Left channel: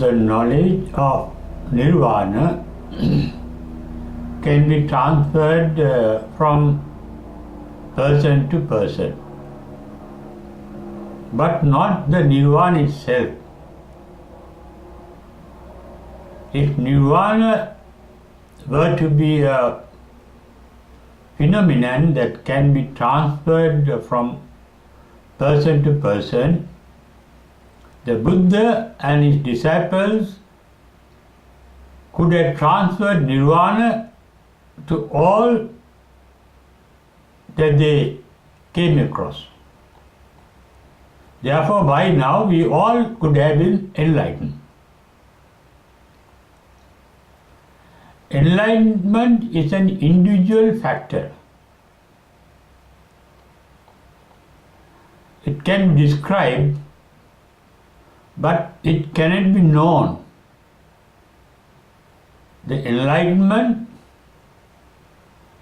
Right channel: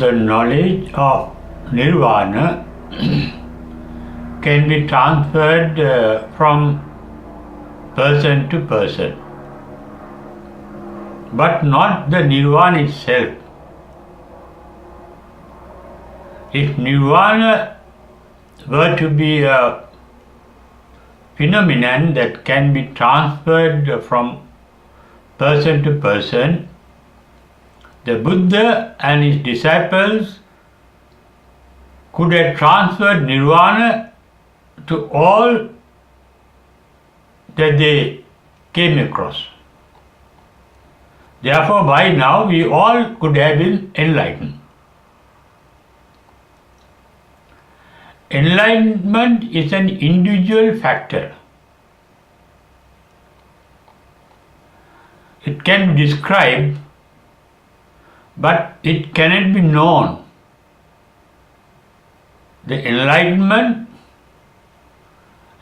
the knowledge of nirvana can be transferred from person to person, but not the nirvana itself. If nirvana were to be a phenomenon that can be transferred from person to person, the Buddha and his disciples could have transferred nirvana to all that they came across. Therefore, by now we all could have been enlightened. Enlightenment is an individual factor. It can be described, but it cannot be known. The enlightenment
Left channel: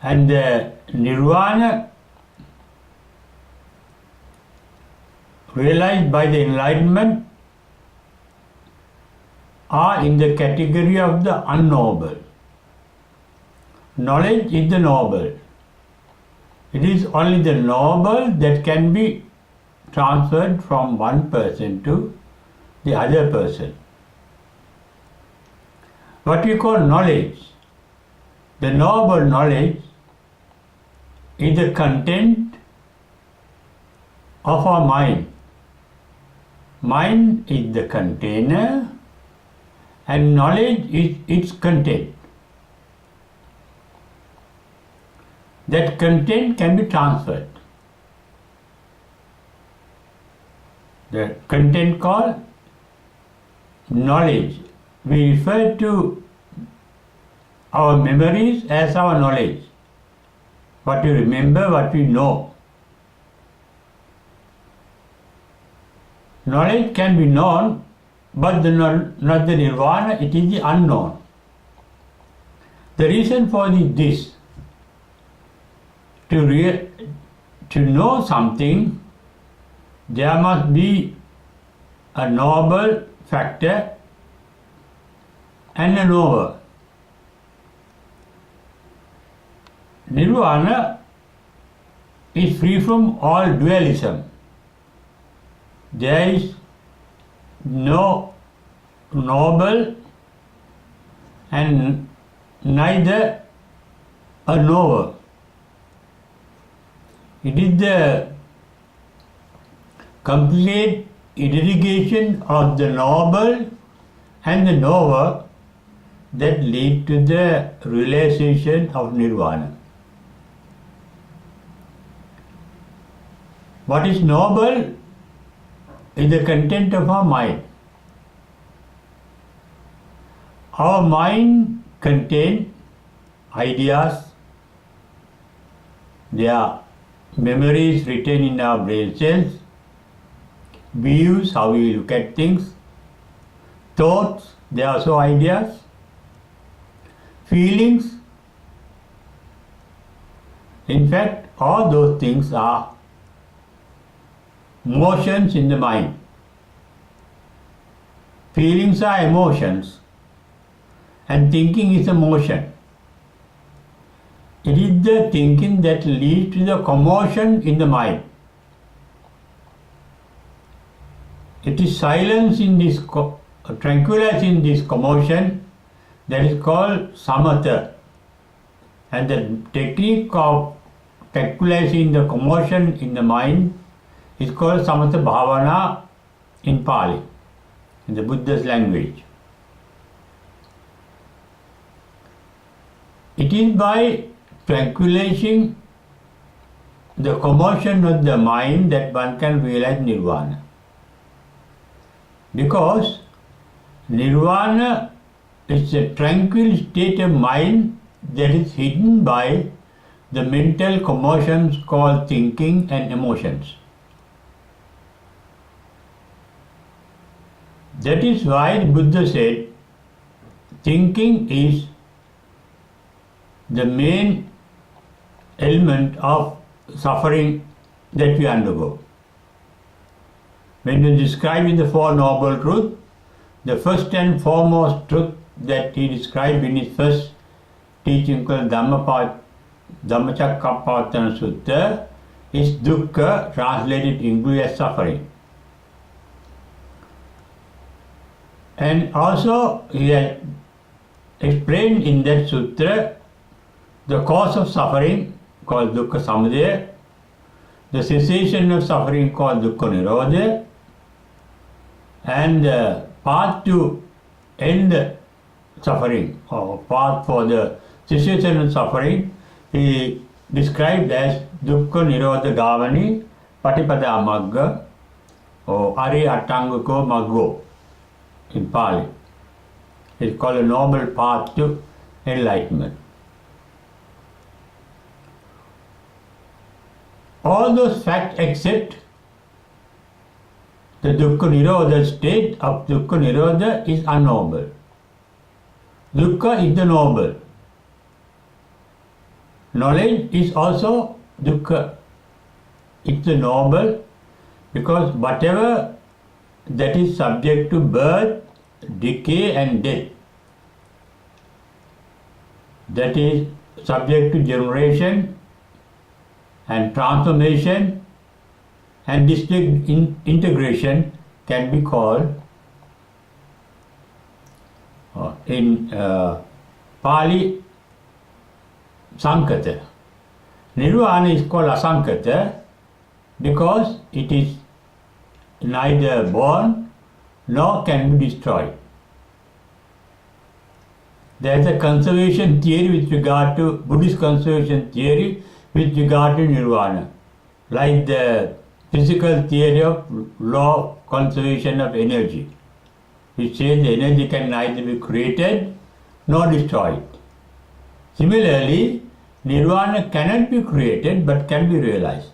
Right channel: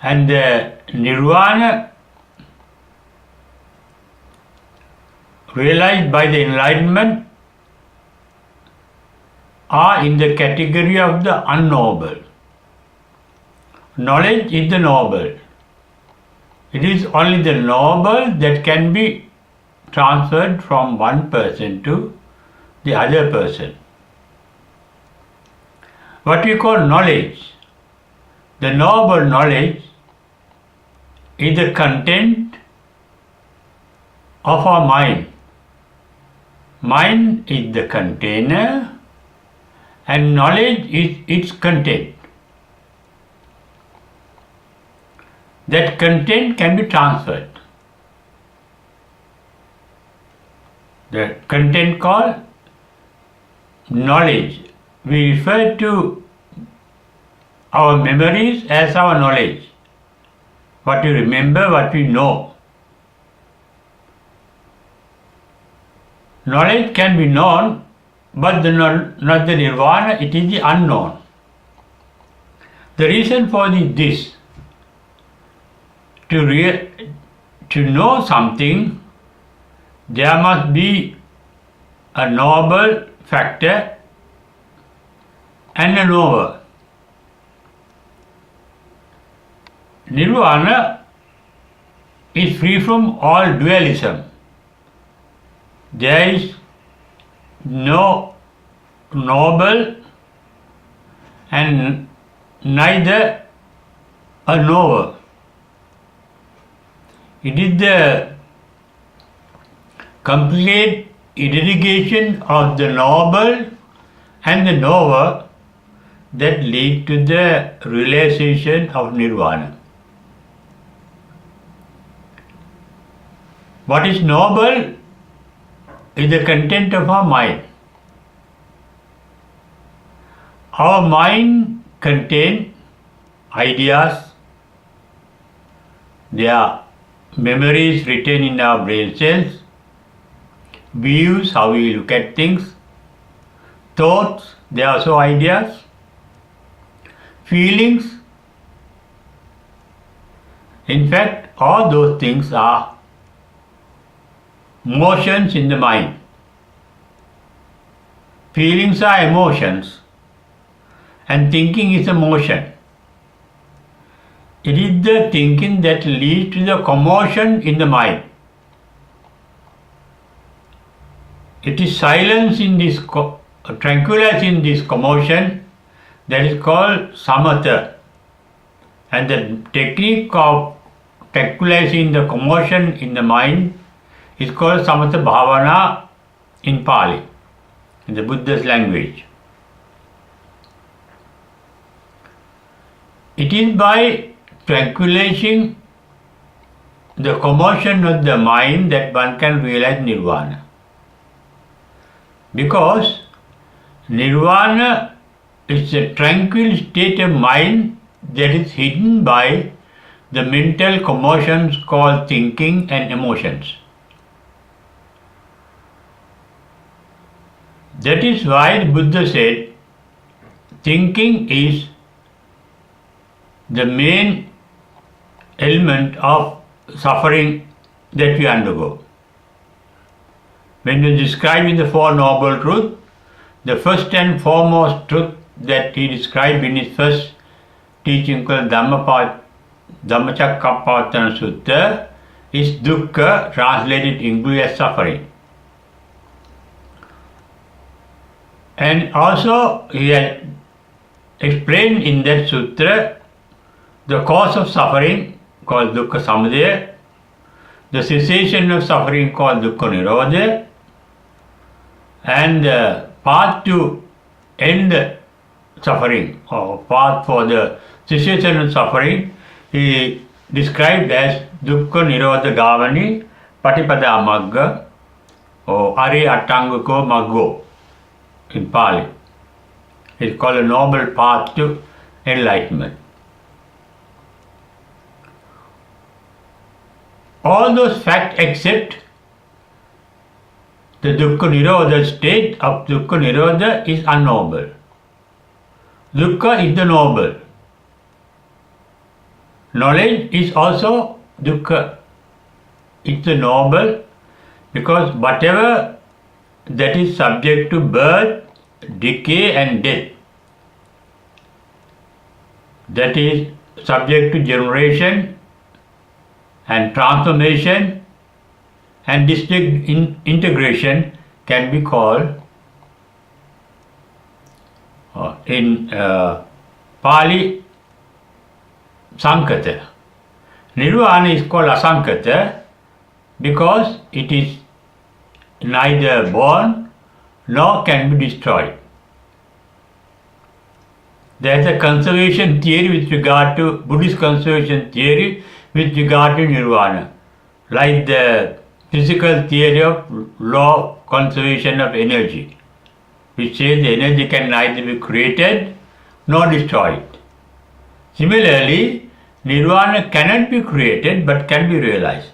and the nirvana realized by the enlightenment are in the category of the unknowable. Knowledge is the knowable. It is only the knowable that can be transferred from one person to the other person. What we call knowledge, the knowable knowledge, is the content of our mind. Mind is the container and knowledge is its content. That content can be transferred. The content called knowledge. We refer to our memories as our knowledge. What we remember, what we know. Knowledge can be known, but not the nirvana, it is the unknown. The reason for this, to know something, there must be a knowable factor and a knower. Nirvana is free from all dualism. There is no knowable and neither a knower. It is the complete irrigation of the knowable and the knower that lead to the realization of nirvana. What is knowable is the content of our mind. Our mind contains ideas, they are memories written in our brain cells, views, how we look at things, thoughts, they are also ideas, feelings. In fact, all those things are motions in the mind. Feelings are emotions and thinking is a motion. It is the thinking that leads to the commotion in the mind. It is silence in this, tranquility in this commotion that is called samatha. And the technique of tranquilizing the commotion in the mind is called samatha bhavana in Pali, in the Buddha's language. It is by tranquilizing the commotion of the mind that one can realize nirvana. Because nirvana is a tranquil state of mind that is hidden by the mental commotions called thinking and emotions. That is why the Buddha said, thinking is the main element of suffering that we undergo. When you describe in the Four Noble Truths, the first and foremost truth that he described in his first teaching called Dhammacakkappavattana Sutta is dukkha, translated English as suffering. And also he had explained in that sutra the cause of suffering called dukkha samudaya, the cessation of suffering called dukkha nirodha, and the path to end suffering or path for the cessation of suffering he described as dukkha nirodha gavani patipada magga or Arihattangako maggo in Pali. It's called a noble path to enlightenment. All those facts except the dukkha nirodha state of dukkha nirodha is unknowable. Dukkha is the noble. Knowledge is also dukkha. It's the noble because whatever that is subject to birth, decay and death, that is subject to generation and transformation and integration can be called in Pali Sankata. Nirvana is called Asankata because it is neither born nor can be destroyed. There is a conservation theory with regard to Buddhist conservation theory with regard to nirvana, like the physical theory of law of conservation of energy, which says the energy can neither be created nor destroyed. Similarly, nirvana cannot be created but can be realized.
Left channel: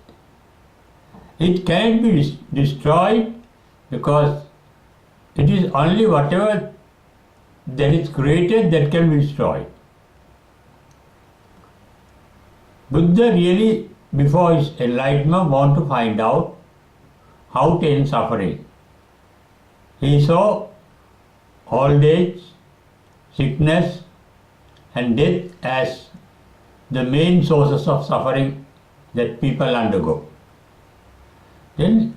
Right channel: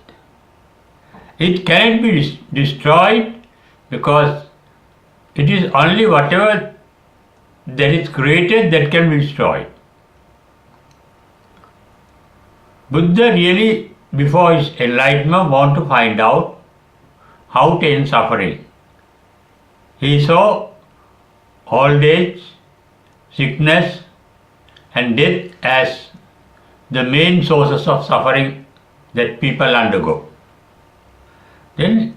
It cannot be destroyed because it is only whatever that is created that can be destroyed. Buddha really, before his enlightenment, wanted to find out how to end suffering. He saw old age, sickness and death as the main sources of suffering that people undergo. Then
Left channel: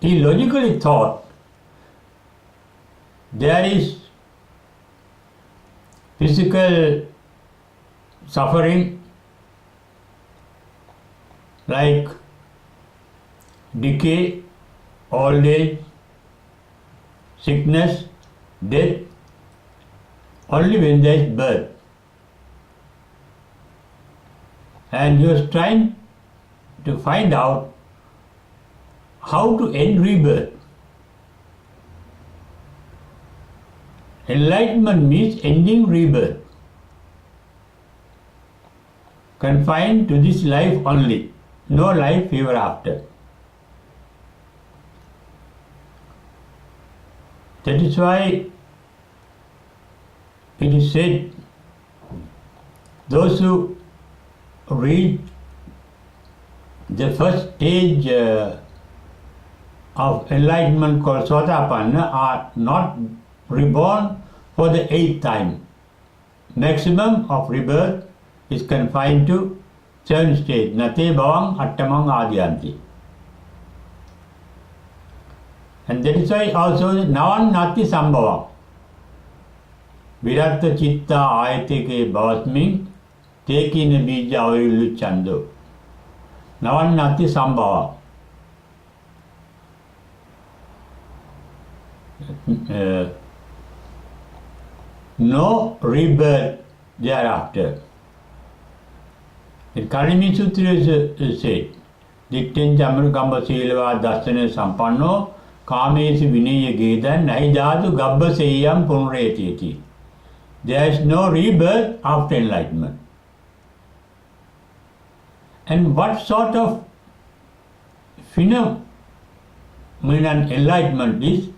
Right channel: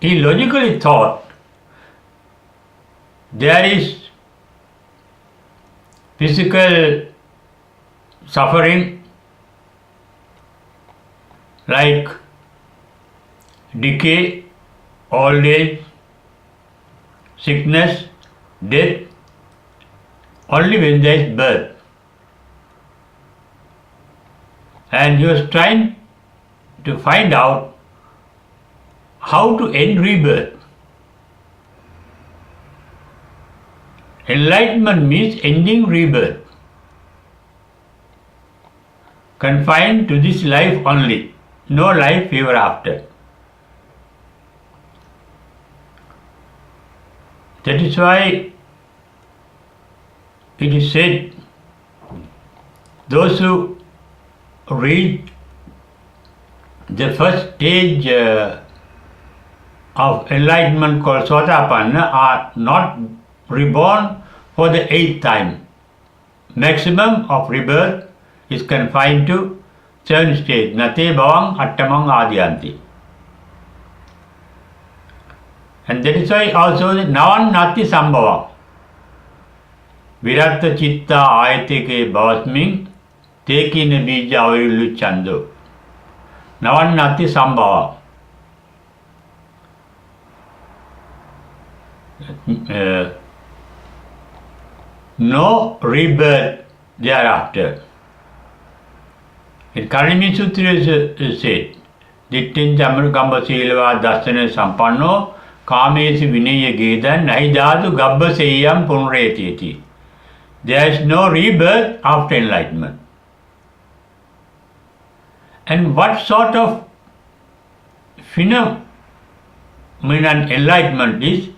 he logically thought there is physical suffering like decay, old age, sickness, death, only when there is birth. And he was trying to find out how to end rebirth. Enlightenment means ending rebirth, confined to this life only, no life ever after. That is why it is said, those who reach the first stage of enlightenment called Sotapanna are not reborn for the 8th time. Maximum of rebirth is confined to 7 stages. Nate bhavang attamang adiyanti. And that is why also navan nati sambhavang. Viratta chitta ayatike bhavasming tekina bija avirillu chando. Navan nati sambhavang. No rebirth thereafter. In Karimi Sutra is said, Dittin Chamarukamba Silva Dasana Sampanno Kamesi Vinaya Gedan Naidadu Gabba Seyam Punretiti. There is no rebirth after enlightenment. And what sort of phenomenon enlightenment is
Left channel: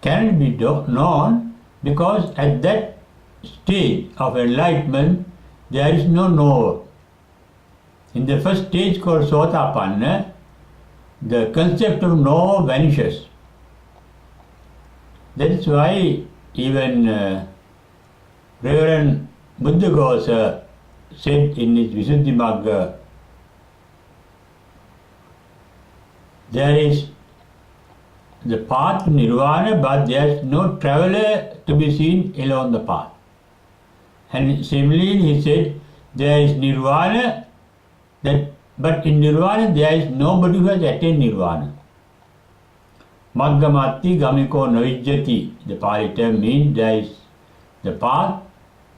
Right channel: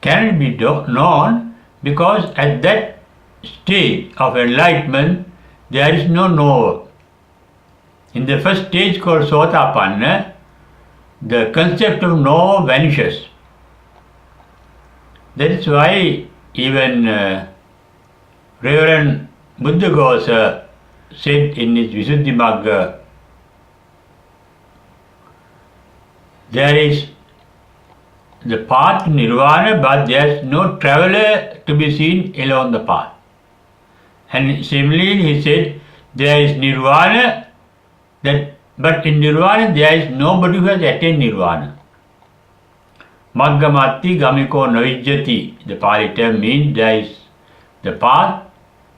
cannot be known because at that stage of enlightenment there is no knower. In the first stage called Sotapanna, the concept of knower vanishes. That is why even Reverend Buddhaghosa said in his Visuddhimagga, there is the path to nirvana, but there is no traveler to be seen along the path. And similarly, he said, there is nirvana, but in nirvana there is nobody who has attained nirvana. Maggamatti gamiko navijjati, the Pali term means there is the path,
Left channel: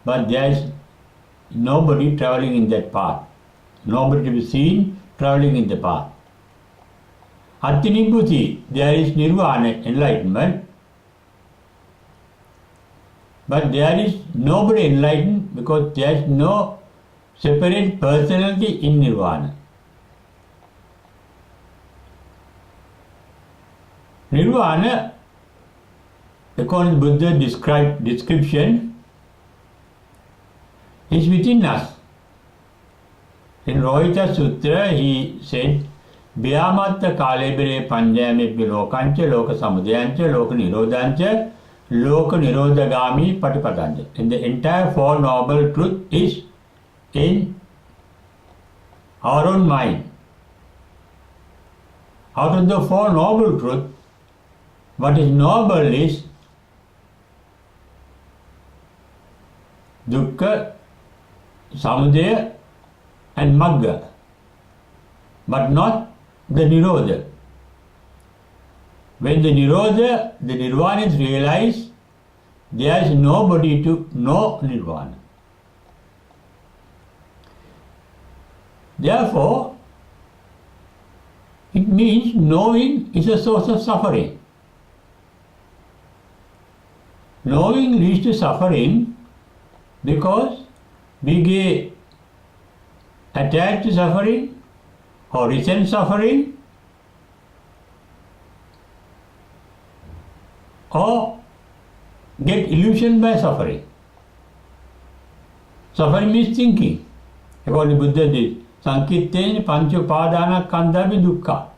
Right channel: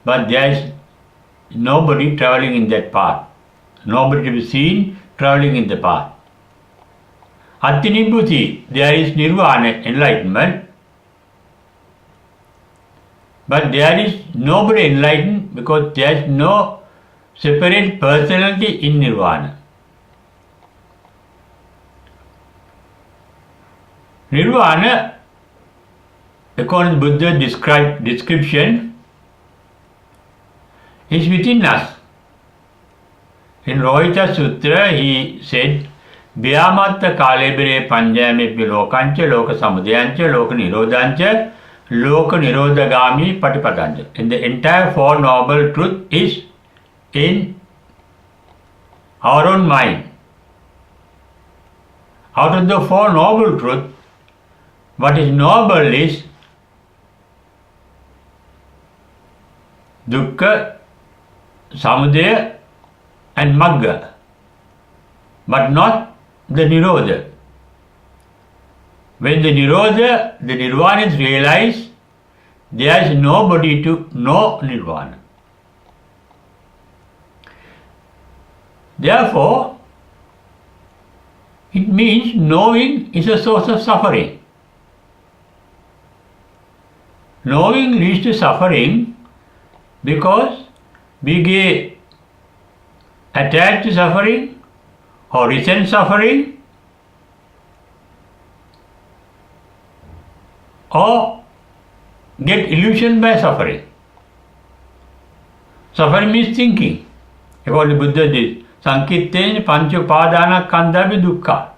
but there is nobody traveling in that path. Nobody to be seen traveling in the path. Attinibhuti, there is nirvana, enlightenment, but there is nobody enlightened because there is no separate personality in nirvana. Nirvana, according to Buddha's description, is within us. In Rohita Sutra, he said, Vyamatta kalebire panjamebhyo lokancha loka samudayancha loka nirodhancha loka nirodhagami patipadancha. And the entire Four Noble Truth is in our own mind. Out of the Four Noble Truth, what is noble is dukkha, samudaya and magga, but not the nirodha. When the nirodha, the nirvana is realized, there is nobody to know nirvana. Therefore, it means knowing is a source of suffering. Knowing leads to suffering because we get attached to suffering or resent suffering or get illusioned by suffering. Suffering means thinking. According to Buddha, this Sankittena pancha upadana khandhapi dukkha.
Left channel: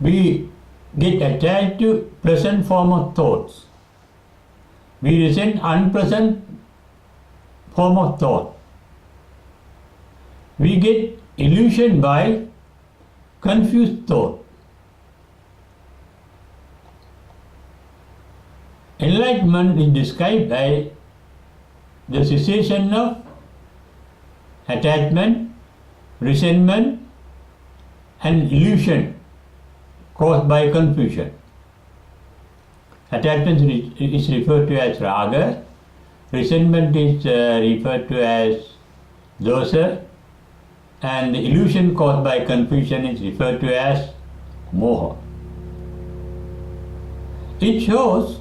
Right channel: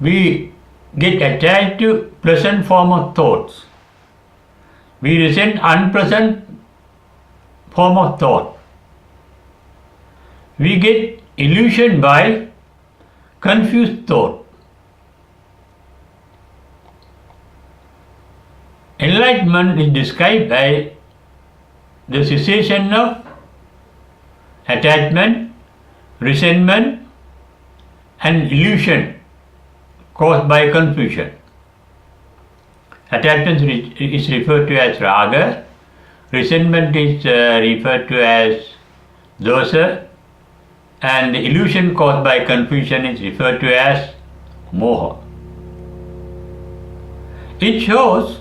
We get attached to pleasant form of thoughts. We resent unpleasant form of thought. We get illusioned by confused thought. Enlightenment is described by the cessation of attachment, resentment and illusion caused by confusion. Attachment is referred to as raga, resentment is referred to as dosa, and the illusion caused by confusion is referred to as moha. It shows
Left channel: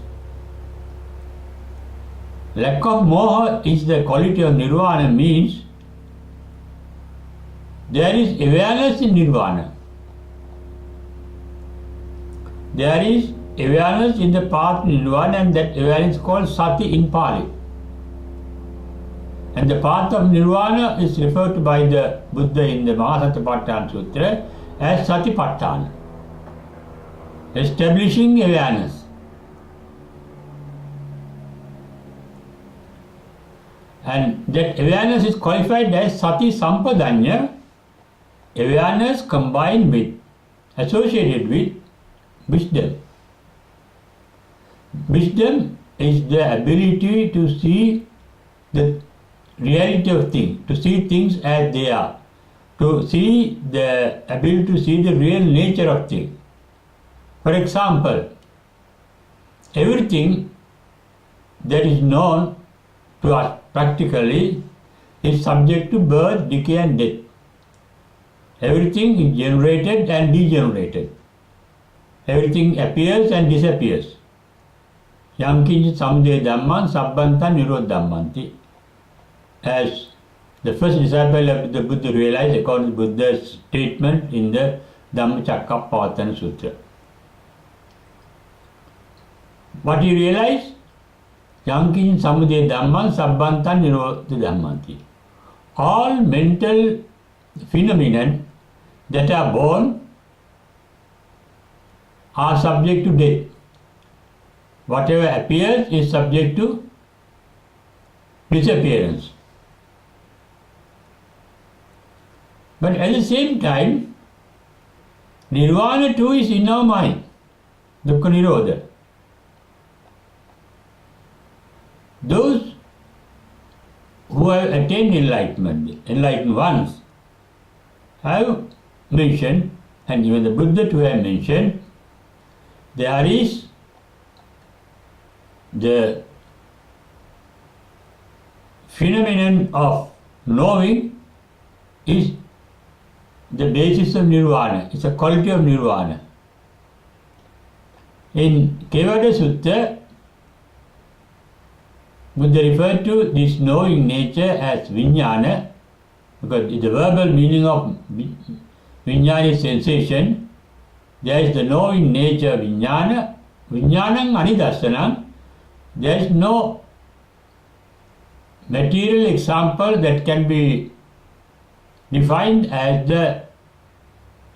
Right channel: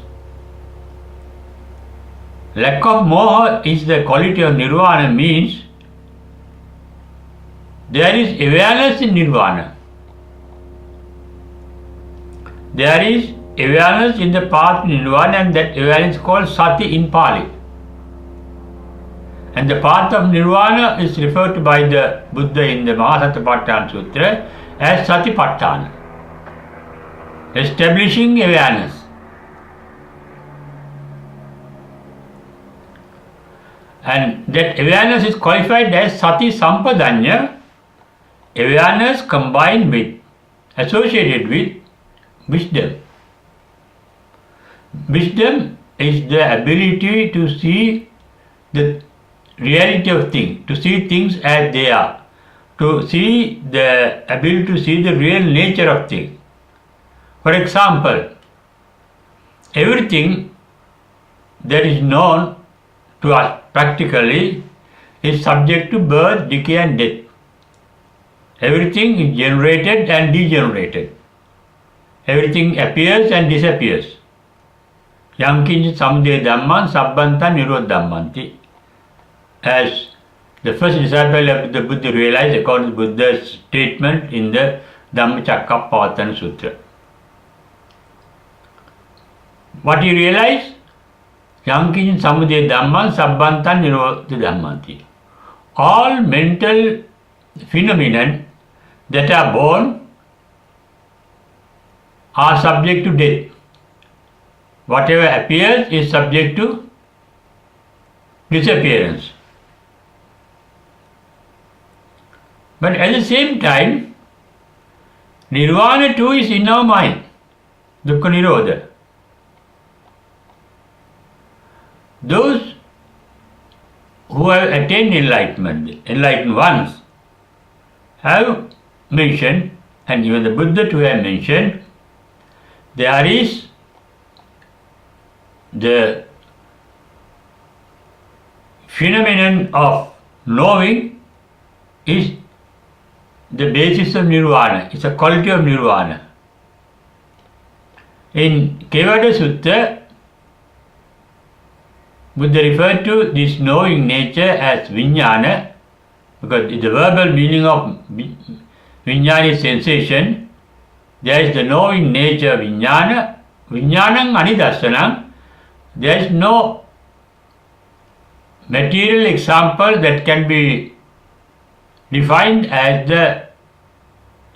lack of moha is the quality of nirvana, means there is awareness in nirvana. There is awareness in the path to nirvana, and that awareness is called sati in Pali. And the path of nirvana is referred to by the Buddha in the Mahasatipatthana Sutra as Satipatthana, establishing awareness. And that awareness is qualified as Sati Sampadanya, awareness combined with, associated with wisdom. Wisdom is the ability to see the reality of things, to see things as they are, to see the ability to see the real nature of things. For example, everything that is known to us practically is subject to birth, decay and death. Everything is generated and degenerated. Everything appears and disappears. Yam kinchit samudaya dhamman sabbantan nirodhammanti. As the first disciple of the Buddha realized according to Buddha's statement in the Dhammacakkappavattana Sutra. What he realized? Yam kinchit samudaya dhamman sabbantan nirodhammanti. All mental phenomena that are born are subject to death. whatever appears is subject to disappearance. But at the same time, nirvana too is in our mind, dukkha nirodha. Those who have attained enlightenment, enlightened ones, have mentioned, and even the Buddha too have mentioned, there is the phenomenon of knowing is the basis of nirvana, it's a quality of nirvana. In Kevada Sutta, Buddha referred to this knowing nature as vijnana, because the verbal meaning of vijnana is sensation. There is the knowing nature of vijnana, vijnanam anidassanam. There is no material example that can be defined as the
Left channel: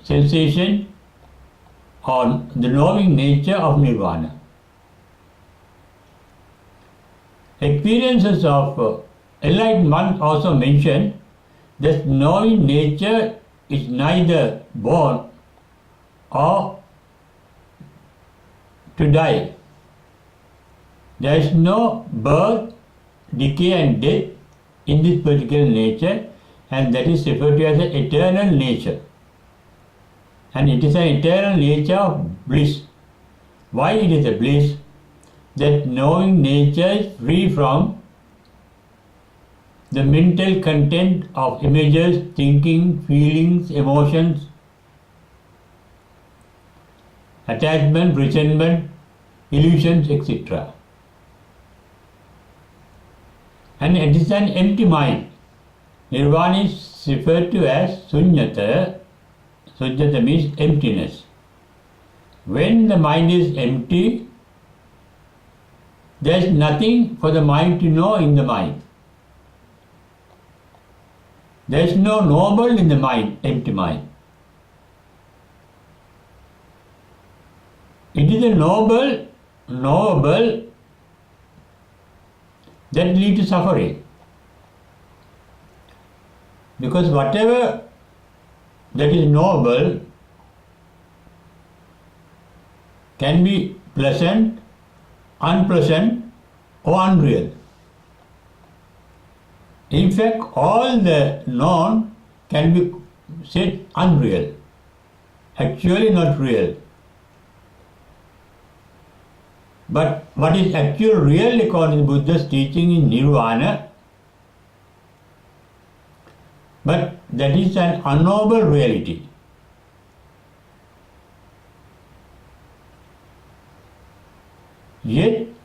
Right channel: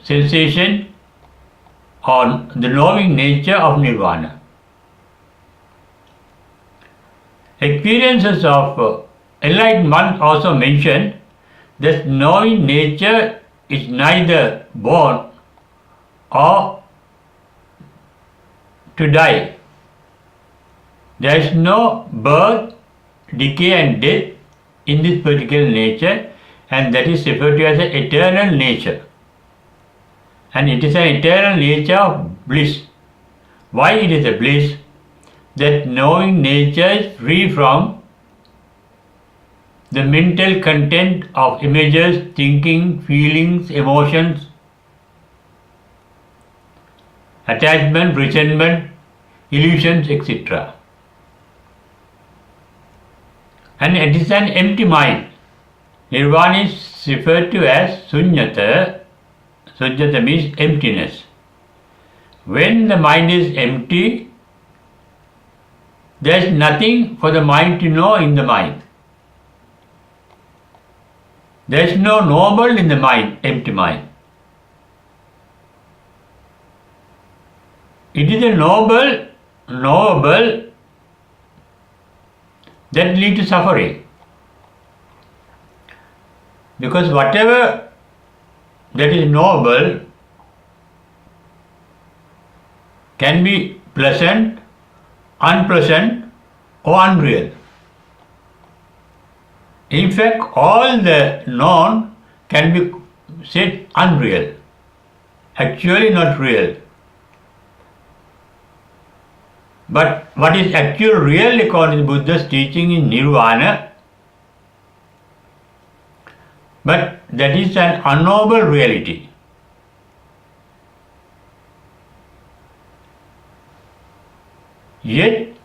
sensation or the knowing nature of nirvana. Experiences of enlightened ones also mention that knowing nature is neither born or to die. There is no birth, decay and death in this particular nature, and that is referred to as an eternal nature. And it is an eternal nature of bliss. Why it is a bliss? That knowing nature is free from the mental content of images, thinking, feelings, emotions, attachment, resentment, illusions, etc. And it is an empty mind. Nirvana is referred to as sunyata. Sunyata means emptiness. When the mind is empty, there is nothing for the mind to know in the mind. There is no knowable in the mind, empty mind. It is a knowable that leads to suffering. Because whatever that is knowable can be pleasant, unpleasant or unreal. In fact, all the known can be said unreal, actually not real. But what is actually real according to Buddha's teaching is nirvana, but that is an unknowable reality. Yet,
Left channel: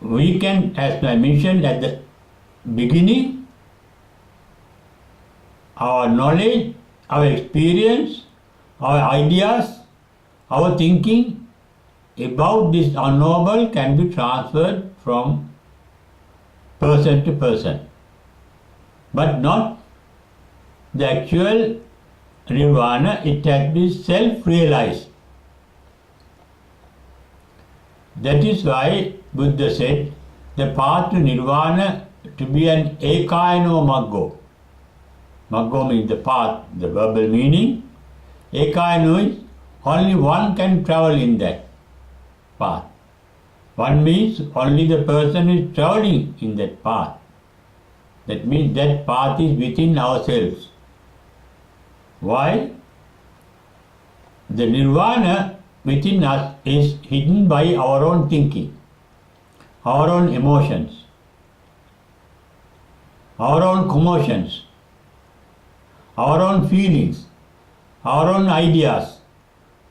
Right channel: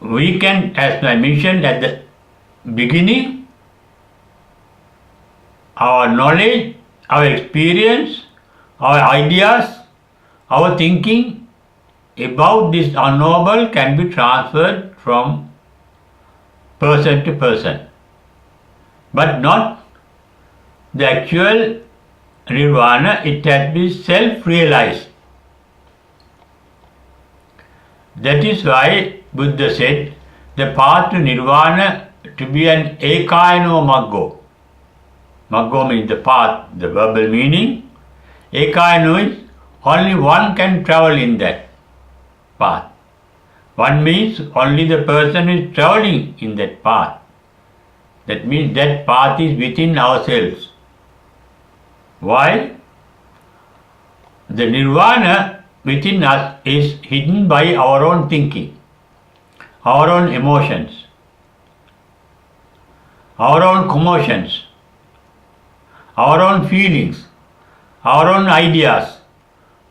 we can, as I mentioned at the beginning, our knowledge, our experience, our ideas, our thinking about this unknowable can be transferred from person to person, but not the actual nirvana. It has been self-realized. That is why Buddha said the path to nirvana to be an ekayano maggo. Maggo means the path, the verbal meaning. Ekayano is only one can travel in that path. One means only the person who is traveling in that path. That means that path is within ourselves. Why? The nirvana within us is hidden by our own thinking, our own emotions, our own commotions, our own feelings, our own ideas,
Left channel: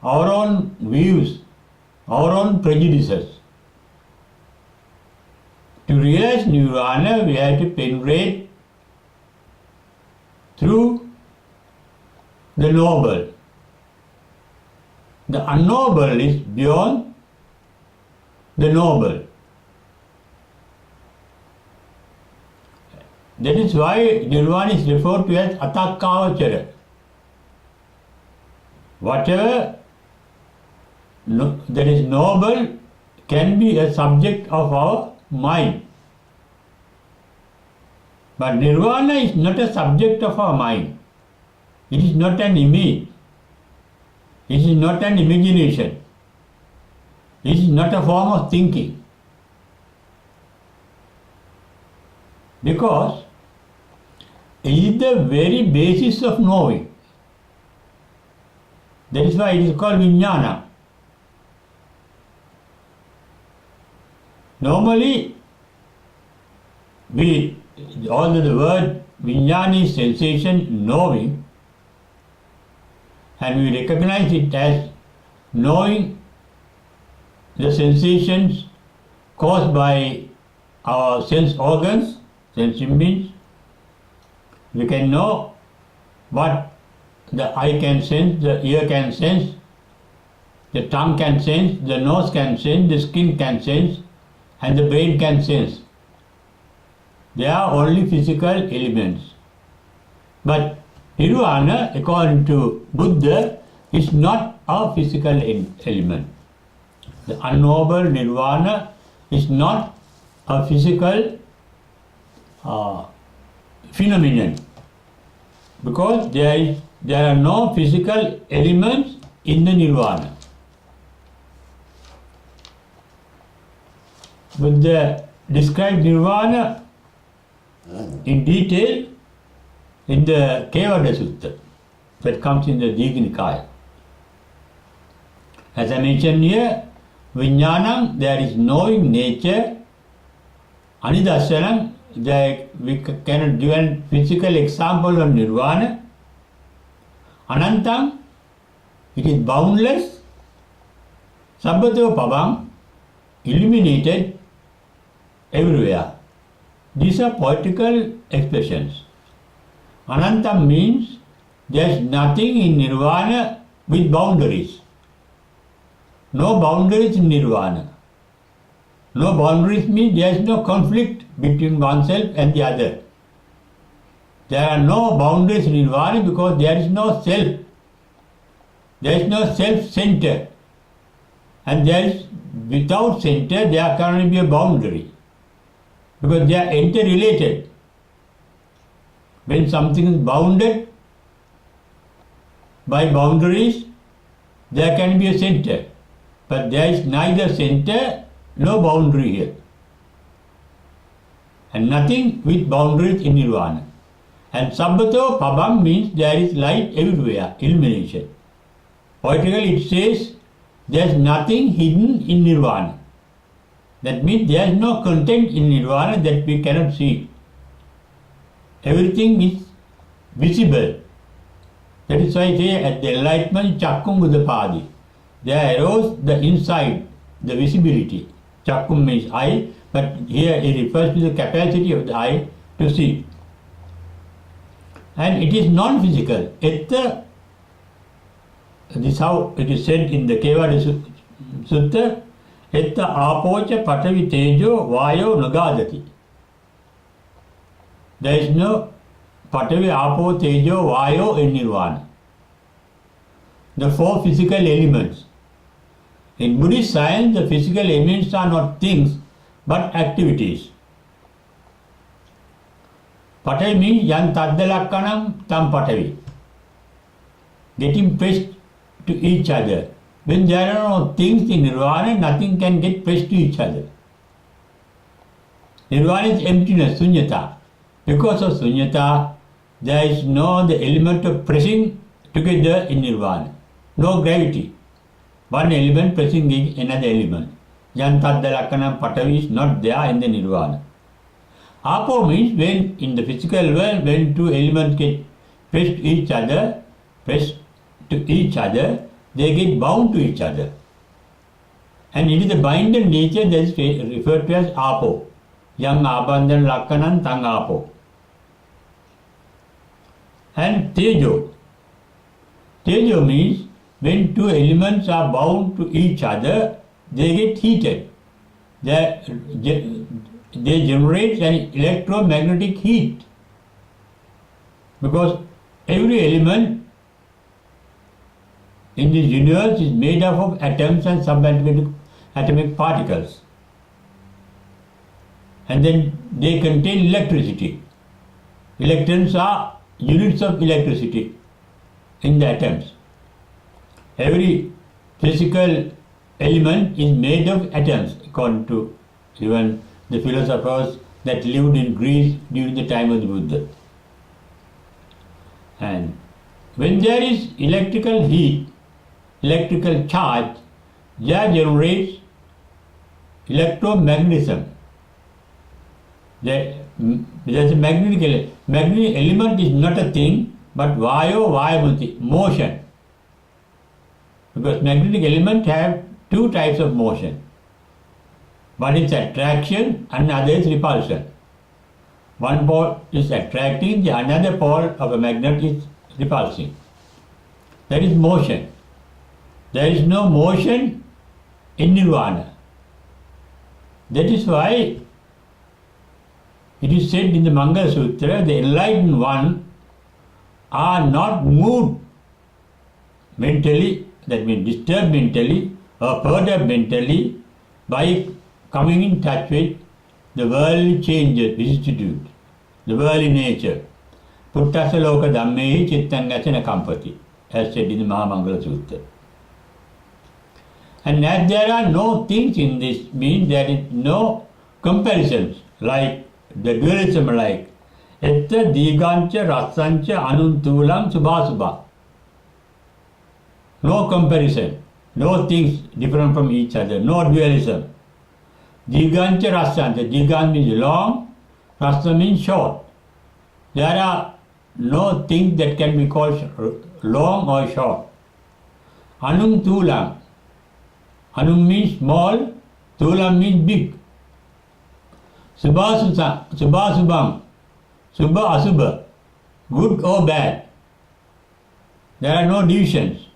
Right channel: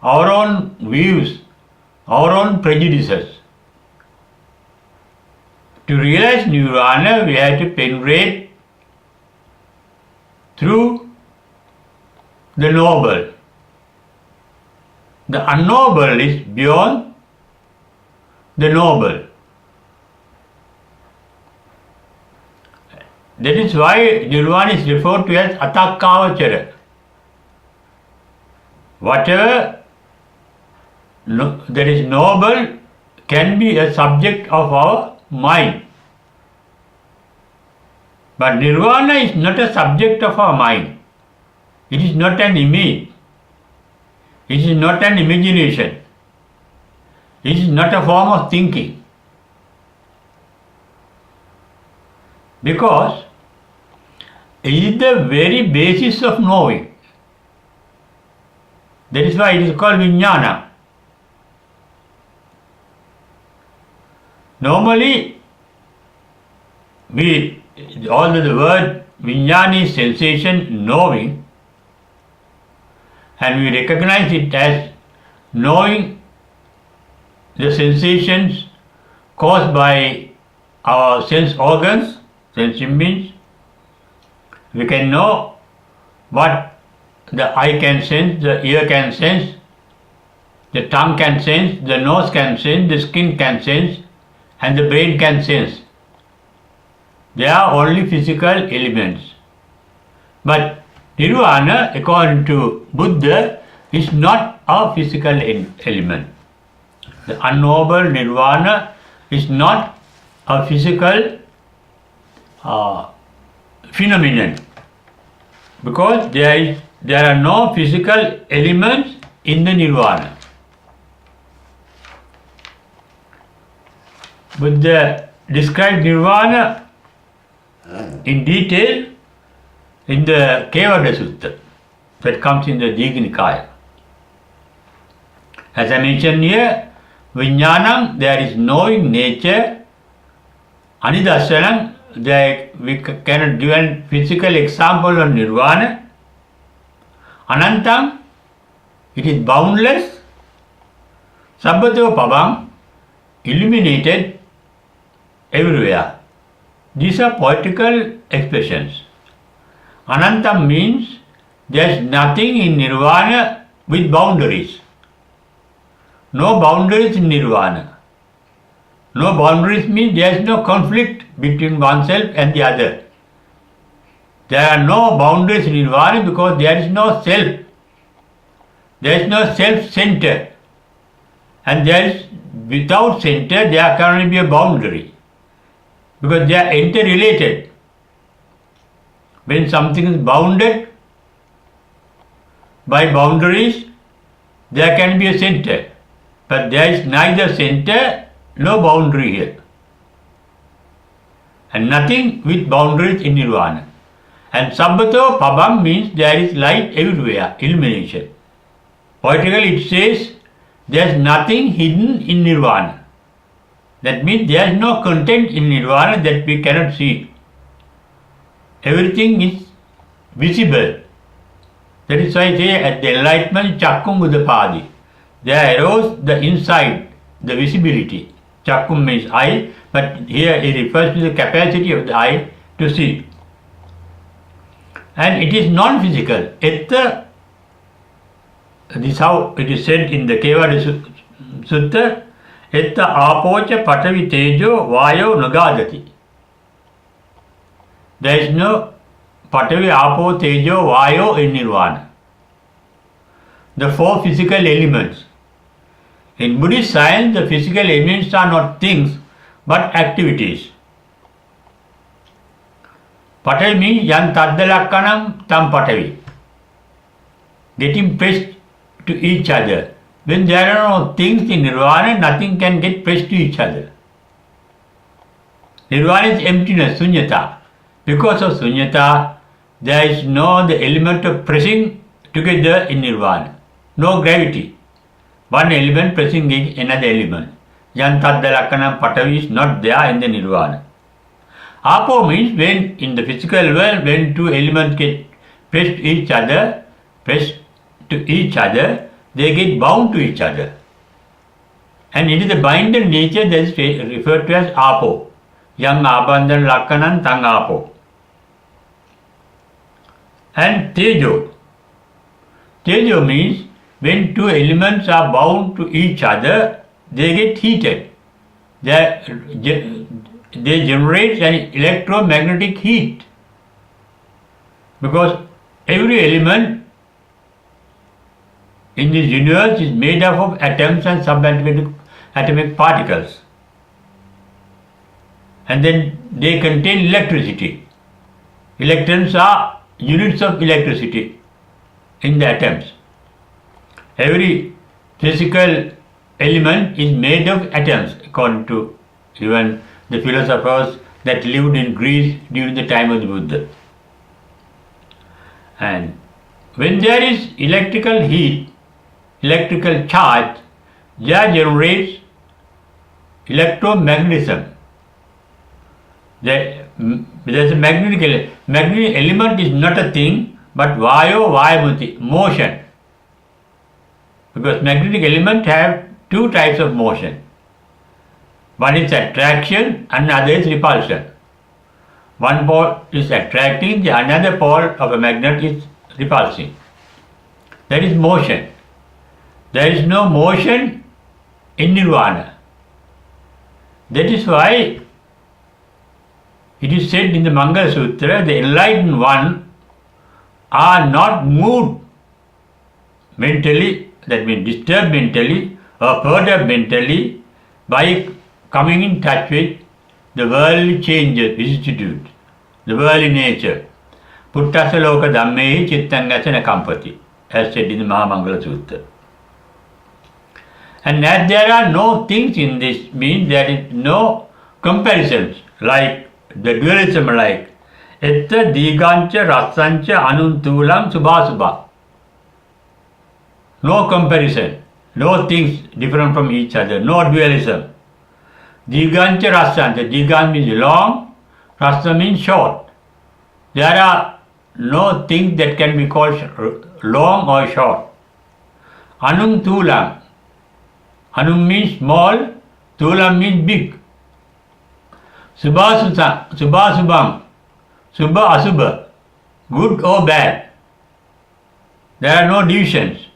our own views, our own prejudices. To realize nirvana, we have to penetrate through the knowable. The unknowable is beyond the knowable. That is why nirvana is referred to as atakkavachara. Whatever that is knowable can be a subject of our mind. But nirvana is not a subject of our mind. It is not an image. It is not an imagination. It is not a form of thinking. Because it is the very basis of knowing. That is why it is called vijnana. Normally, although the word vijnana is sensation, knowing, and we recognize it as knowing the sensations caused by our sense organs, sense means, we can know what the eye can sense, the ear can sense, the tongue can sense, the nose can sense, the skin can sense, and the brain can sense. They are only physical elements. But nirvana, according to Buddha, is not a physical element. The unknowable nirvana is not a physical phenomenon, because there are no physical elements in the nirvana. Buddha described nirvana in detail in the Kevada Sutta that comes in the Digha Nikaya. As I mentioned here, vijnanam, there is knowing nature. Anidarsanam, we cannot give a physical example of nirvana. Anantam, it is boundless. Sabbato pabam, illuminated everywhere. These are poetical expressions. Anantam means there is nothing in nirvana with boundaries. No boundaries in nirvana. No boundaries means there is no conflict between oneself and the other. There are no boundaries in nirvana because there is no self. There is no self-center. And there is, without center, there can only be a boundary. Because they are interrelated. When something is bounded by boundaries, there can be a center. But there is neither center, no boundary here. And nothing with boundaries in nirvana. And sabbato pabam means there is light everywhere, illumination. Poetically it says there is nothing hidden in nirvana. That means there is no content in nirvana that we cannot see. Everything is visible. That is why I say at the enlightenment, chakkum udapadi. There arose the insight, the visibility. Chakkum means eye, but here it refers to the capacity of the eye to see. And it is non-physical. This is how it is said in the Kevada Sutta. Etta apocha patavi tejo vayo nagadati. There is no patavi, apo, tejo, vayo in nirvana. The four physical elements. In Buddhist science, the physical elements are not things but activities. Patavi means yan taddalakkanam tam patavi. Getting pressed to each other. When there are no things in nirvana, nothing can get pressed to each other. Nirvana is emptiness, sunyata. Because of sunyata, there is no the element of pressing together in nirvana. No gravity. One element pressing another element. Yantaddalakkanam patavi is not there in the nirvana. Apo means when in the physical world, when two elements get pressed to each other, they get bound to each other. And it is the binding nature that is referred to as apo. Yang abandan lakkanan tang apo. And tejo. Tejo means when two elements are bound to each other, they get heated. They generate an electromagnetic heat. Because every element in this universe is made up of atoms and subatomic atomic particles. And then they contain electricity. Electrons are units of electricity in the atoms. Every physical element is made of atoms, according to even the philosophers that lived in Greece during the time of the Buddha. And when there is electrical heat, electrical charge, that generates electromagnetism. There's a magnetic element is not a thing, but vayo vayamati, motion. Because magnetic elements have two types of motion. One is attraction and other is repulsion. One pole is attracting, the another pole of a magnet is repulsing. That is motion. There is no motion in nirvana. That is why it is said in the Mangala Sutra, the enlightened one are not moved mentally, that means disturbed mentally or perturbed mentally by coming in touch with the worldly changes, vicissitude, the worldly nature. Puttasa loka dhammehi chittangasana kampati, as said in the Mahamangala Sutra. And as there are no things in this, means there is no comparisons like the dualism, like etta digancha rasancha anuntulam subhasubha. No comparison, no things different from each other, no dualism. Digancha rasancha, digan means long, rasa means short. There are no things that can be called long or short. Anuntulam, anum means small, tulam means big. Subhasubham, subha asubha, good or bad. There are no divisions.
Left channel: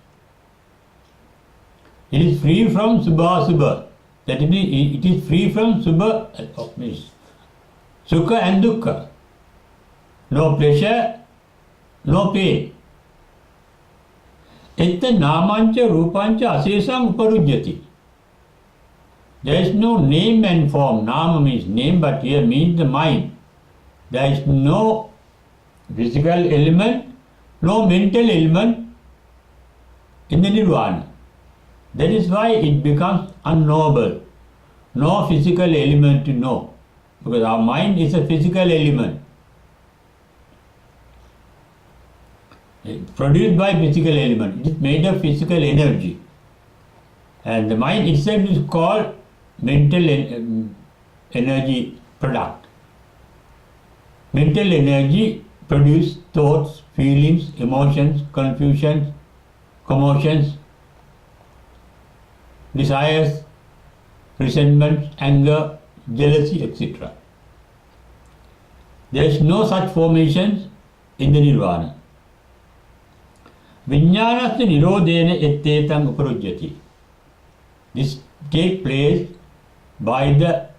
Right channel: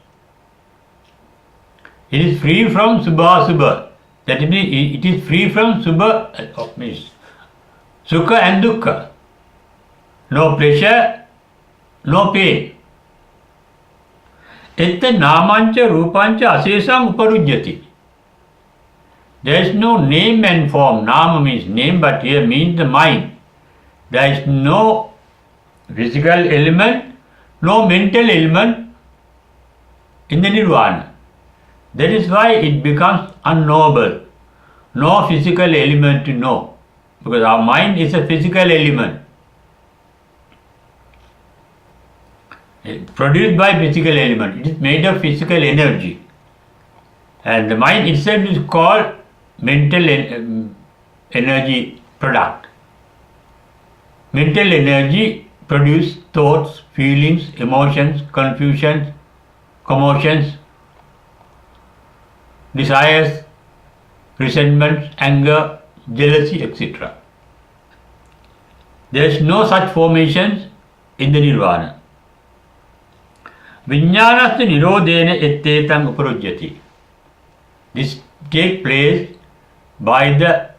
It is free from subha asubha. That means it is free from subha, means sukha and dukkha. No pleasure, no pain. Etta namancha rupancha asesam uparujyati. There is no name and form. Nama means name, but here means the mind. There is no physical element, no mental element in the nirvana. That is why it becomes unknowable. No physical element to know, because our mind is a physical element produced by physical element. It is made of physical energy, and the mind itself is called mental energy product. Mental energy produces thoughts, feelings, emotions, confusions, commotions, desires, resentment, anger, jealousy, etc. There is no such formations in the nirvana. Vijnanasya nirodhena ettetam uparujyati. This takes place by the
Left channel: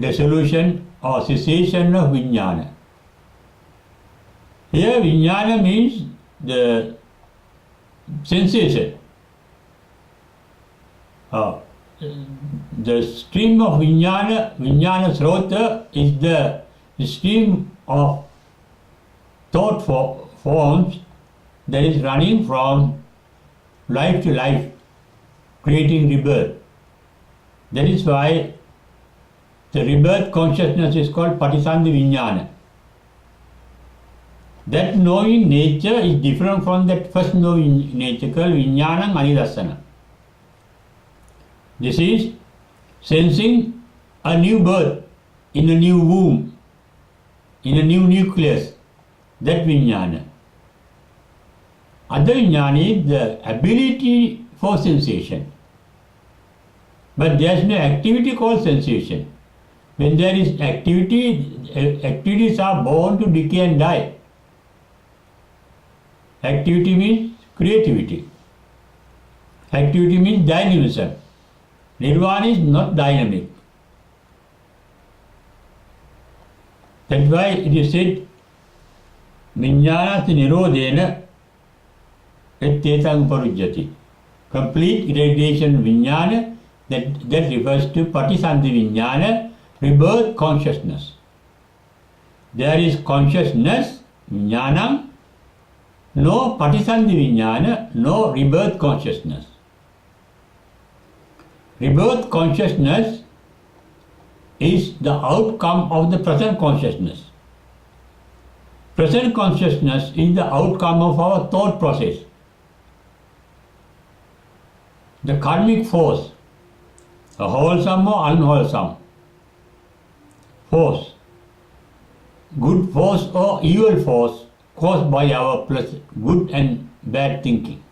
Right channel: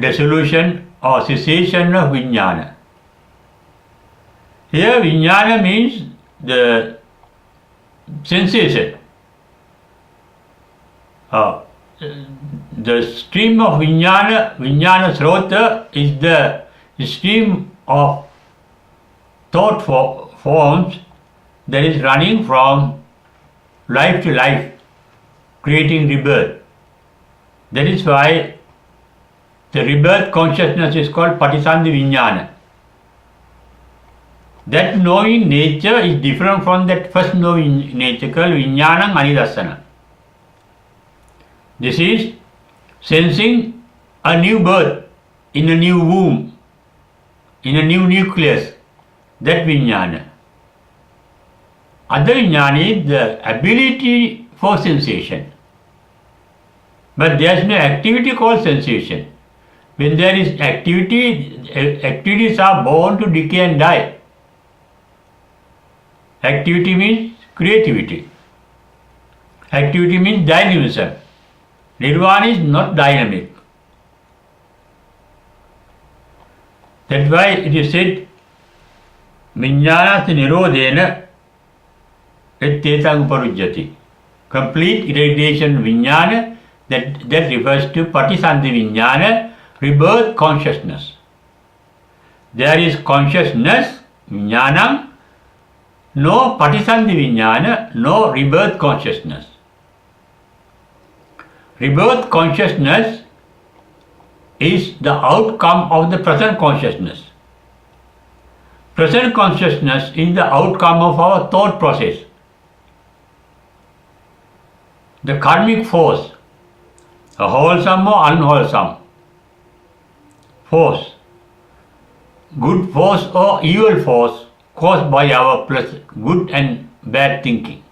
dissolution or cessation of vijnana. Here vijnana means the sensation. The stream of vijnana srota is the stream of thought forms that is running from life to life, creating rebirth. That is why the rebirth consciousness is called Patisandhi Vijnana. That knowing nature is different from that first knowing nature called Vijnanam Anidassana. This is sensing a new birth in a new womb, in a new nucleus, that Vijnana. Other Vijnana is the ability for sensation. But there is no activity called sensation. When there is activity, activities are born to decay and die. Activity means creativity. Activity means dynamism. Nirvana is not dynamic. That's why it is said, Vijnanasya nirodhena ettetam uparujyati. Complete irradiation vijnana, that refers to Patisandhi Vijnana, rebirth consciousness. There is consciousness, Vijnanam, no Patisandhi Vijnana, no rebirth consciousness. Rebirth consciousness is the outcome of the present consciousness. Present consciousness is the outcome of our thought process. The karmic force, a wholesome or unwholesome force, good force or evil force caused by our good and bad thinking,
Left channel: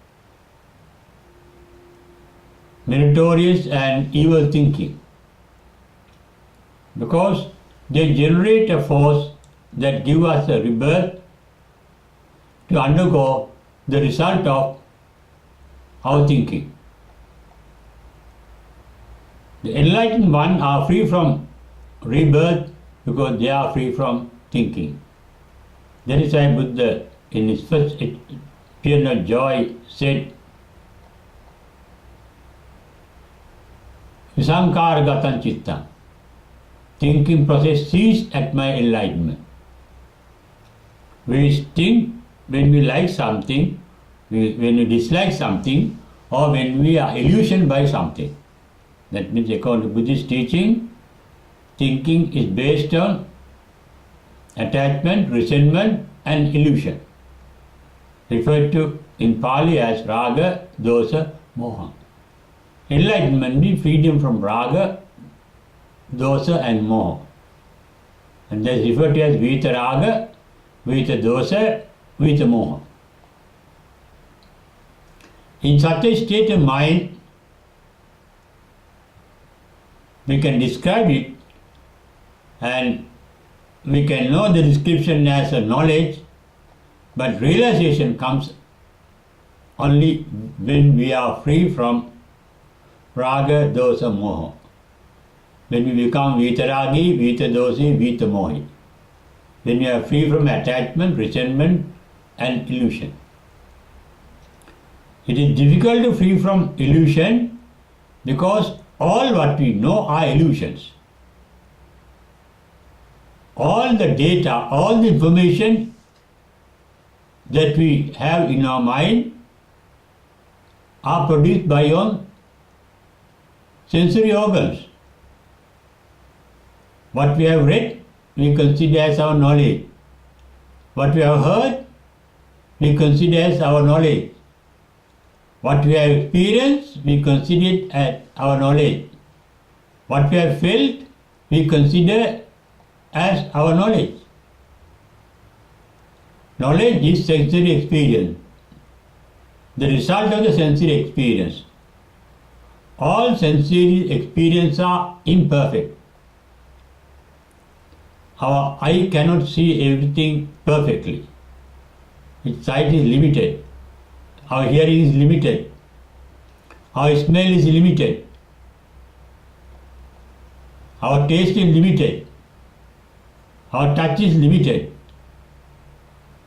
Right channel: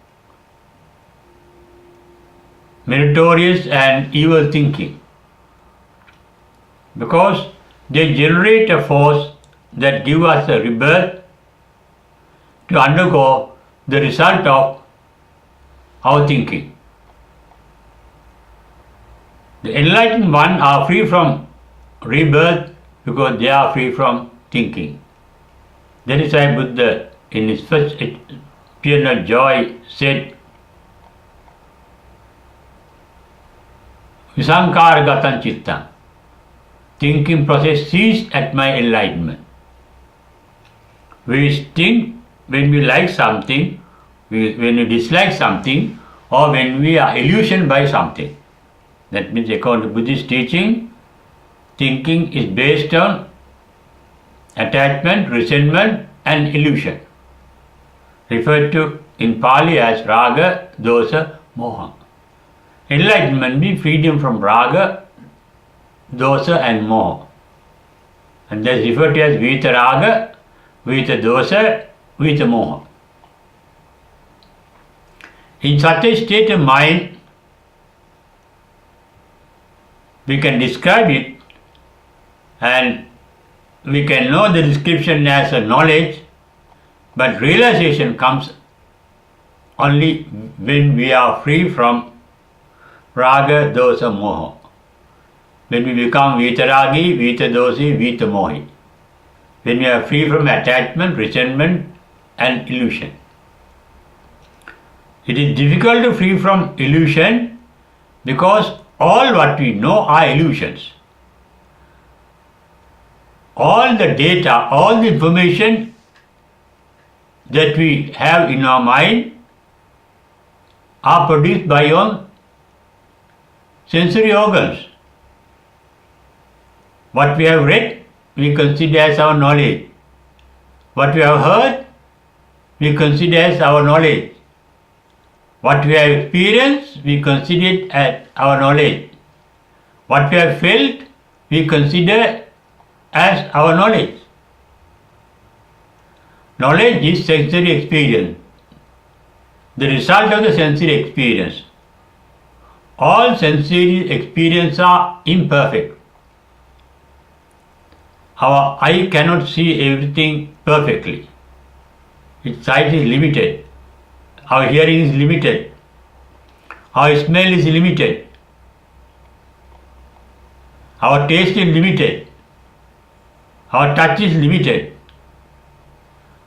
meritorious and evil thinking, because they generate a force that gives us a rebirth to undergo the result of our thinking. The enlightened ones are free from rebirth because they are free from thinking. That is why Buddha, in his first eternal joy, said, Visankara gatan chittam. Thinking process ceased at my enlightenment. We think when we like something, when we dislike something, or when we are illusioned by something. That means, according to Buddhist teaching, thinking is based on attachment, resentment, and illusion, referred to in Pali as raga, dosa, moha. Enlightenment means freedom from raga, dosa, and moha. And that is referred to as vita raga, vita dosa, vita moha. In such a state of mind, we can describe it and we can know the description as a knowledge, but realization comes only when we are free from raga, dosa, moha. When we become vitaragi, vitadosi, vitamohi. When we are free from attachment, resentment, and illusion. It is difficult to free from illusion because all what we know are illusions. All the data, all the information that we have in our mind are produced by our sensory organs. What we have read, we consider as our knowledge. What we have heard, we consider as our knowledge. What we have experienced, we consider it as our knowledge. What we have felt, we consider as our knowledge. Knowledge is sensory experience, the result of the sensory experience. All sensory experiences are imperfect. Our eye cannot see everything perfectly. Its sight is limited. Our hearing is limited. Our smell is limited. Our taste is limited. Our touch is limited.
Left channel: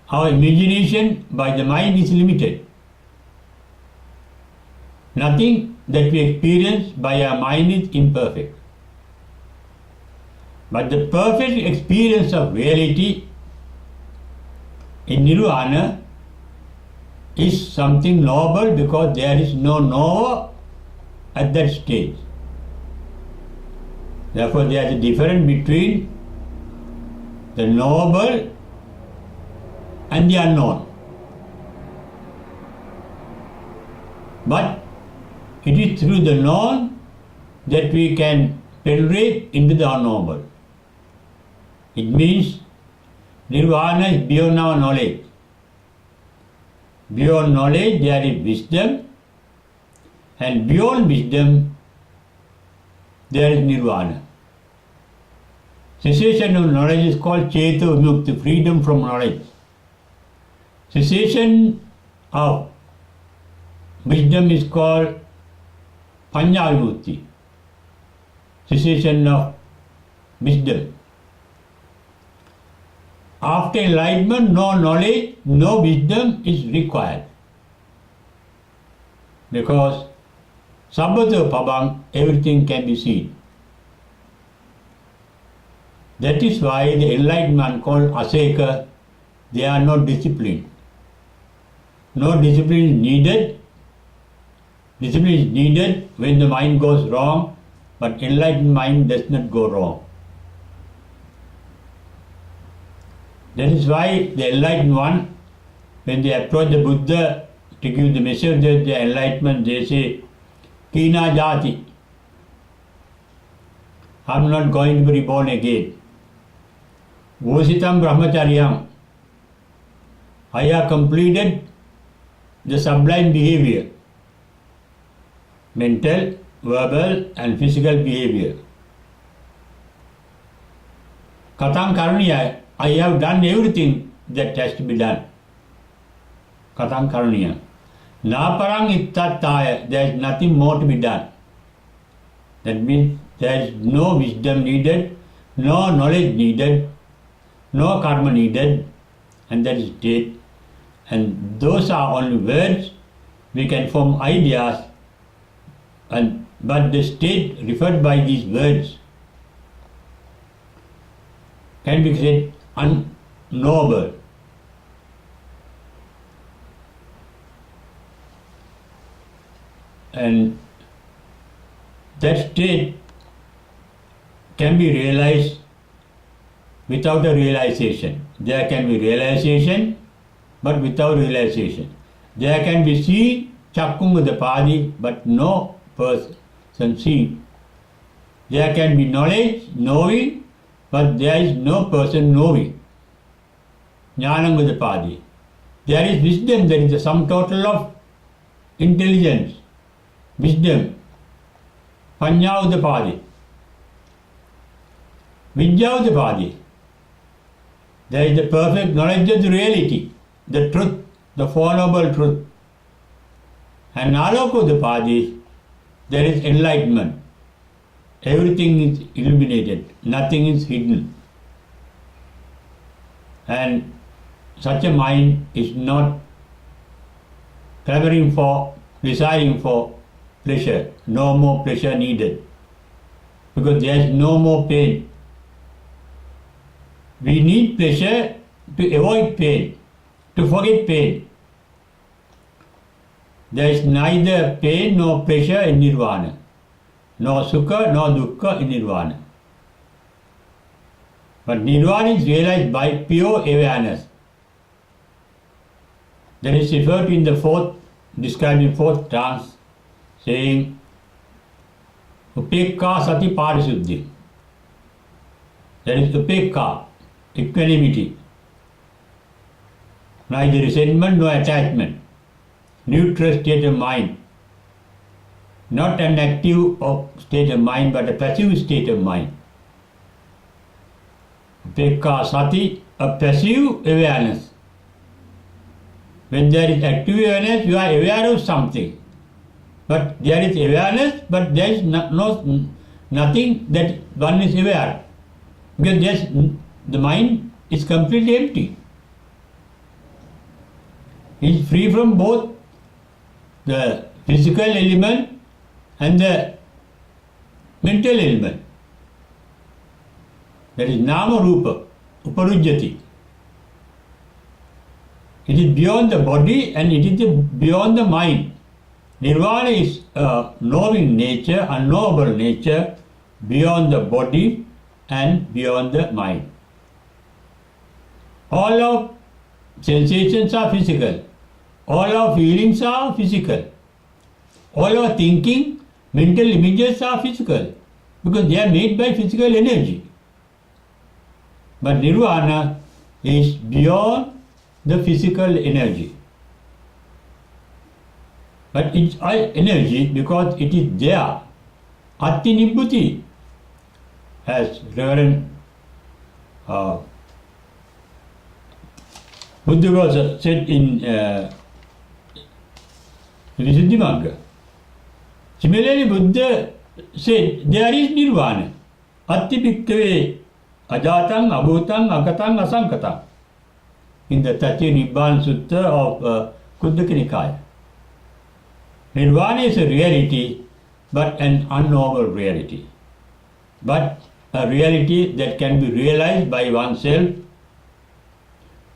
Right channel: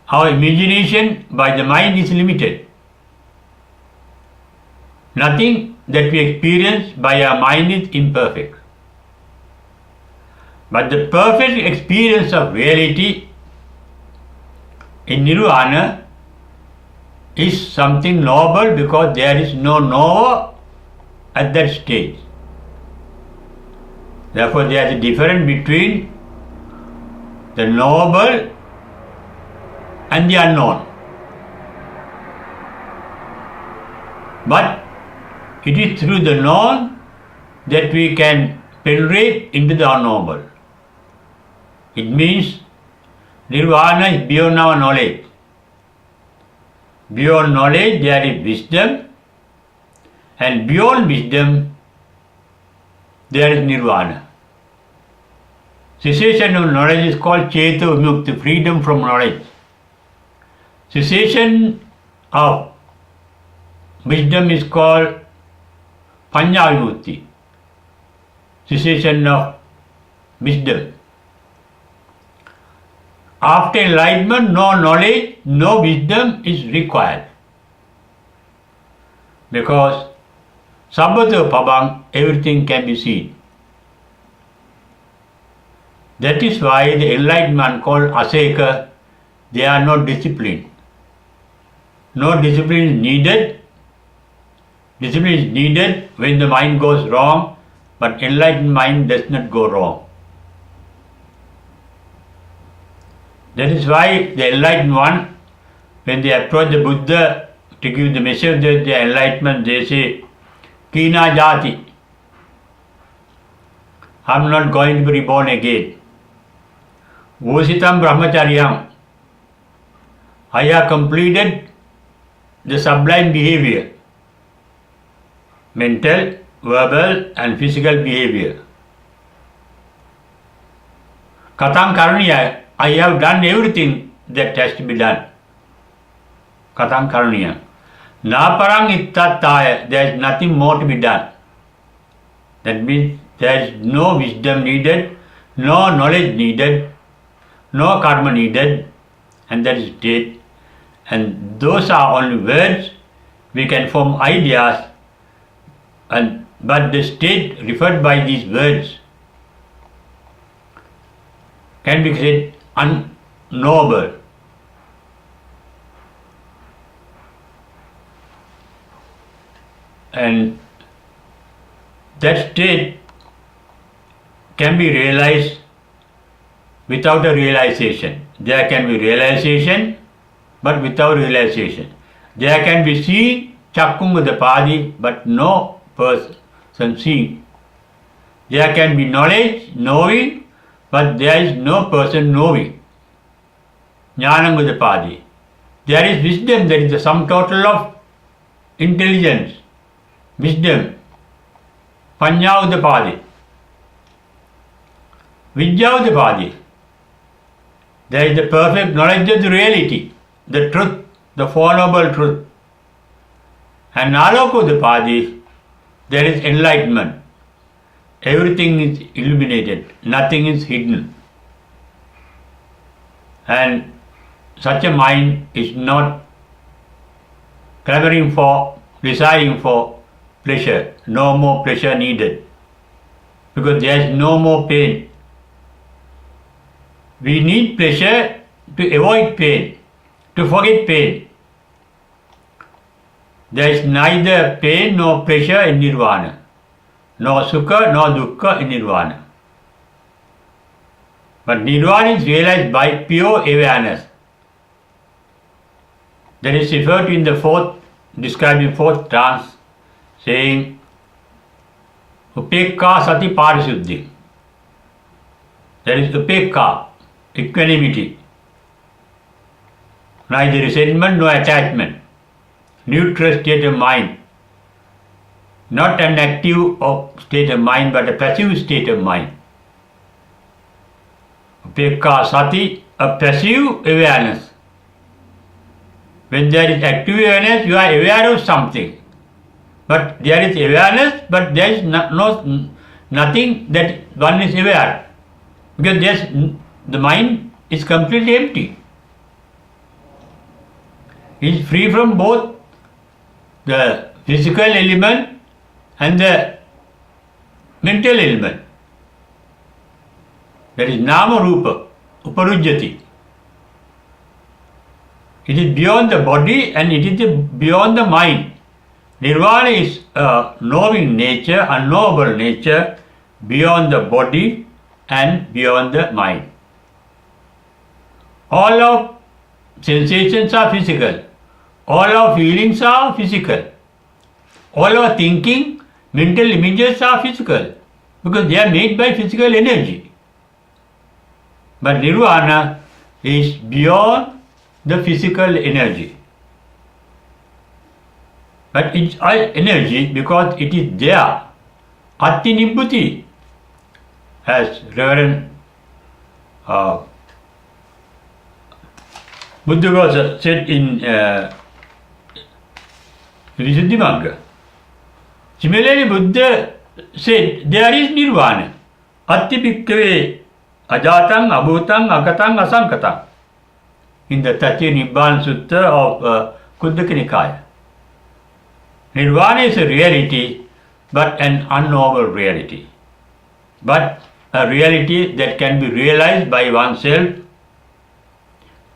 Our imagination by the mind is limited. Nothing that we experience by our mind is imperfect. But the perfect experience of reality in Nirvana is something noble because there is no knower at that stage. Therefore, there is a difference between the knowable and the unknown. But it is through the known that we can penetrate into the unknowable. It means Nirvana is beyond our knowledge. Beyond knowledge there is wisdom, and beyond wisdom there is Nirvana. Cessation of knowledge is called Cheta Vimukti, freedom from knowledge. Cessation of wisdom is called Panya Vimukti, cessation of wisdom. After enlightenment, no knowledge, no wisdom is required. Because Sabbata Pabang, everything can be seen. That is why the enlightened man called Aseka, they are not disciplined. No discipline is needed. Discipline is needed when the mind goes wrong, but enlightened mind does not go wrong. That is why the enlightened one, when they approach the Buddha to give the message of the enlightenment, they say, Kina Jati, I am not going to be reborn again. Vositam Brahmacharyam, I have completed the sublime behavior, mental, verbal and physical behavior. Katang Karaniya, I have done everything that has to be done. Katang Karaniya. Naparang Ittataya, there is nothing more to be done. That means there is no wisdom needed, no knowledge needed, no karma needed, and that is dead. And those are only words. We can form ideas, but the state referred by these words can be said unknowable. And that state can be realized without a realization. There can be realization, but without realization. There can be seen, Chakkungadapadi, but no person seeing. There can be knowledge, knowing, but there is no person knowing. Jnanangadapadi. There is wisdom, there is the sum total of intelligence, wisdom. Panyavadapadi. Vidyavadapadi. There is the perfect knowledge of the reality, the truth, the Four Noble Truth. And Nalokodapadi, there is enlightenment. Everything is illuminated, nothing is hidden. And such a mind is not clamoring for, desiring for pleasure. No more pleasure needed, because there is no more pain. We need pleasure to avoid pain, to forget pain. There is neither pain nor pleasure in Nirvana, nor sukha nor dukkha in Nirvana. But Nirvana is realized by pure awareness. That is referred to in the fourth, describing fourth trance, saying, Upekka Sati Parisuddhi. There is Upekka, equanimity, neither resentment nor attachment, neutral state of mind, not an active state of mind but a passive state of mind. Upekka Sati, a passive awareness. When there is active awareness, you are aware of something. But there is awareness, but there is nothing that one is aware. Because the mind is completely empty. It is free from both the physical element and the mental element. That is Nama Rupa, Uparujyati. It is beyond the body and it is beyond the mind. Nirvana is a knowing nature, unknowable nature, beyond the body and beyond the mind. All of sensations are physical. All our feelings are physical. All our thinking, mental images are physical because they are made by physical energy. But Nirvana is beyond the physical energy. But it's energy because it is there. Atti Nibbhuti, as Reverend Buddha Ghosa said in Visuddhimagga. Similarly, Buddha said there is Nirvana. Atti Bhikkhave Ajatang, Abhutang, Akatang, Asankatang. In the Tatya Nibbana Sutta of Kuddaka Nikaya. Nirvana is a reality but an unknowable reality, but a reality that can be realized by oneself,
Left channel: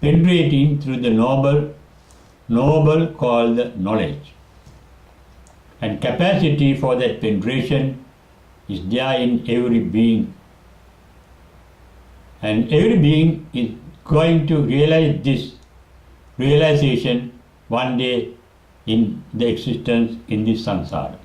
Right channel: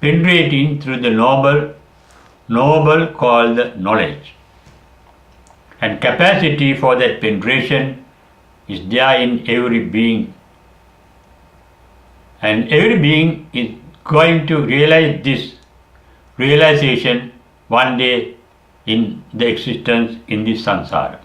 penetrating through the noble called knowledge. And capacity for that penetration is there in every being. And every being is going to realize this realization one day in the existence in this samsara.